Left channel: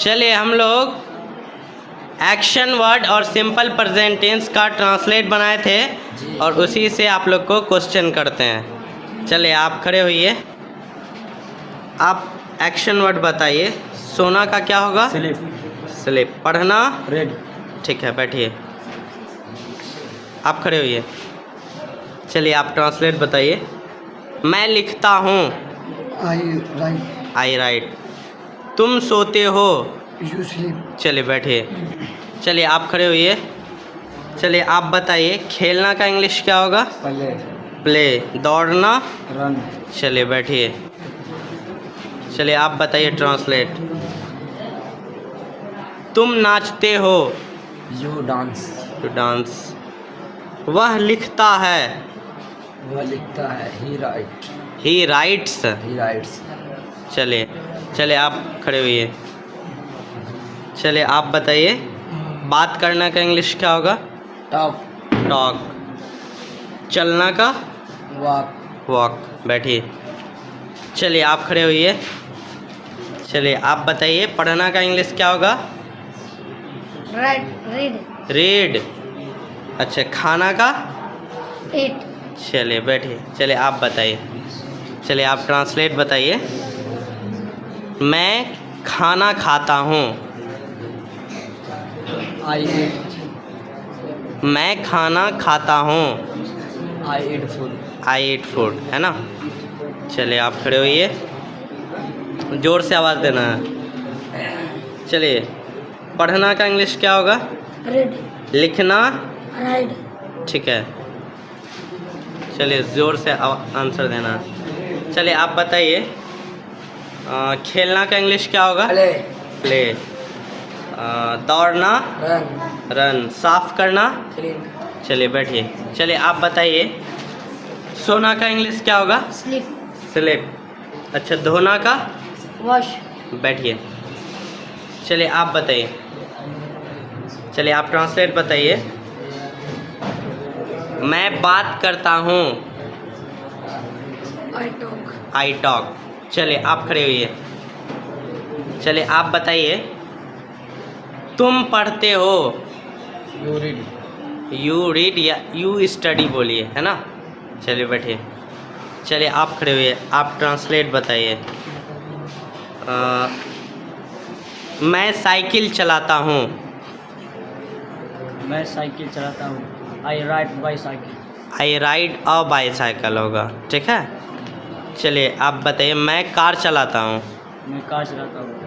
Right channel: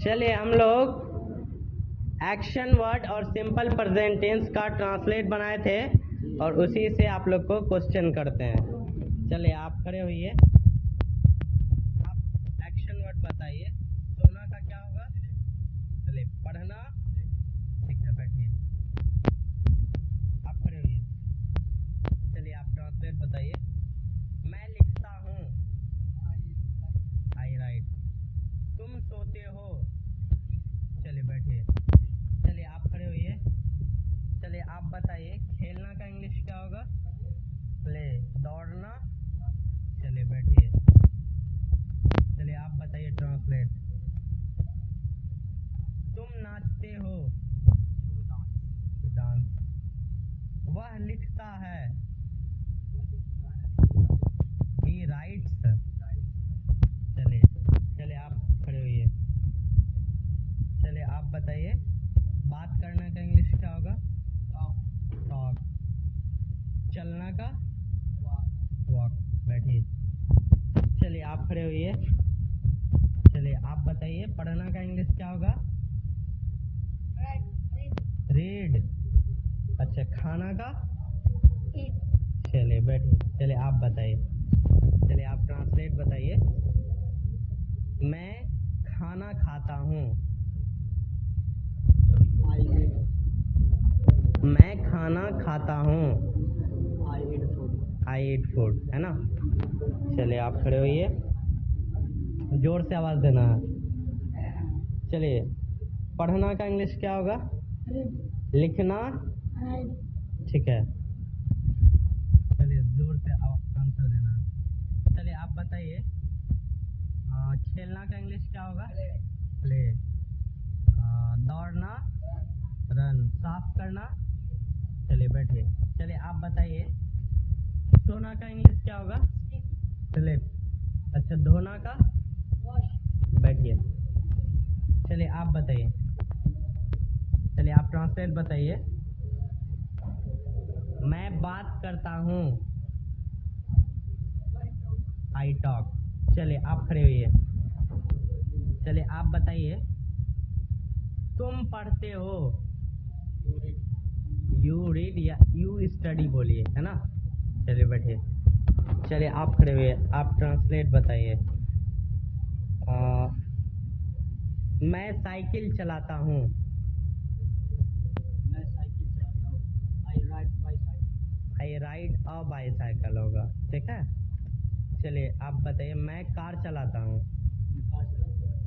चलिए हम लोग एक्शन वर्ड और सिंपल प्रेजेंट टेंस का ट्रांसलेट बनाए थे और उसी से आप लोग को क्वेश्चन करते हैं। चलिए आप खड़े होइए। आप एक्शन वर्ड बताइए। सोना का क्या होगा? स्लिप। स्लिप। पढ़ना? रेड। ठीक है, बैठिए। आप खड़े होइए। चलिए आप ट्रांसलेट बताइए। मैं लिखता हूँ। आई राइट। तुम सोते हो। You sleep. चलिए बैठिए। चलिए आप खड़े होइए। चलिए आप बताइए खेलना का इंग्लिश क्या होगा? प्ले। प्ले। दौड़ना? रन। चलिए बैठिए। चलिए आप बताइए ट्रांसलेट। तुम नाचते हो। You dance. To dance. वह लिखता है। वह लिखता है। He write. He writes. He writes. चलिए आप खड़े होइए। चलिए आप बताइए बात करना का इंग्लिश क्या होगा? टॉक। टॉक। चलना का? वॉक। वॉक। बैठिए। चलिए आप खड़े होइए। चलिए आप बताइए पढ़ना का इंग्लिश क्या होगा? रीड। रीड। अच्छा, खाना का? ईट। चलिए बैठिए। चलिए आप बताइए। चलिए आप ट्रांसलेट बताइए। मैं खाना खाता हूँ। आई ईट। मैं खाना खाता हूँ। आई ईट फूड। आई ईट फूड, है ना? चलिए आप खड़े होइए। ज़ोर से आवाज़ देना है। चलिए पढ़ना का इंग्लिश क्या होगा? रीड। लिखना? राइट। ठीक है। चलिए ज़ोर से आंसर देना है। चलिए आप बताइए खेलना का इंग्लिश क्या होगा? प्ले। प्ले। दौड़ना? रन। रन। साफ करना? क्लीन। चलिए बैठिए। चलिए आप बताइए सोना का इंग्लिश क्या होगा? स्लीप। स्लिप। अच्छा, धोना का? वॉश। बैठिए। चलिए आप बताइए। चलिए आप ट्रांसलेट बताइए। मैं बात करता हूँ। I talk. I talk. चलिए आप खड़े होइए। चलिए आप बताइए तुम पढ़ते हो। You read. यू रीड या यू स्टडी बोलिए, है ना? चलिए बैठिए। चलिए आप खड़े हुए। आप ट्रांसलेट बताइए। मैं साइकिल चलाता हूँ। मैं साइकिल चलाता हूँ। I ride bicycle. I ride a bicycle होगा, ठीक है? चलिए आप बताइए मैं कार चलाता हूँ। मैं कार चलाता हूँ।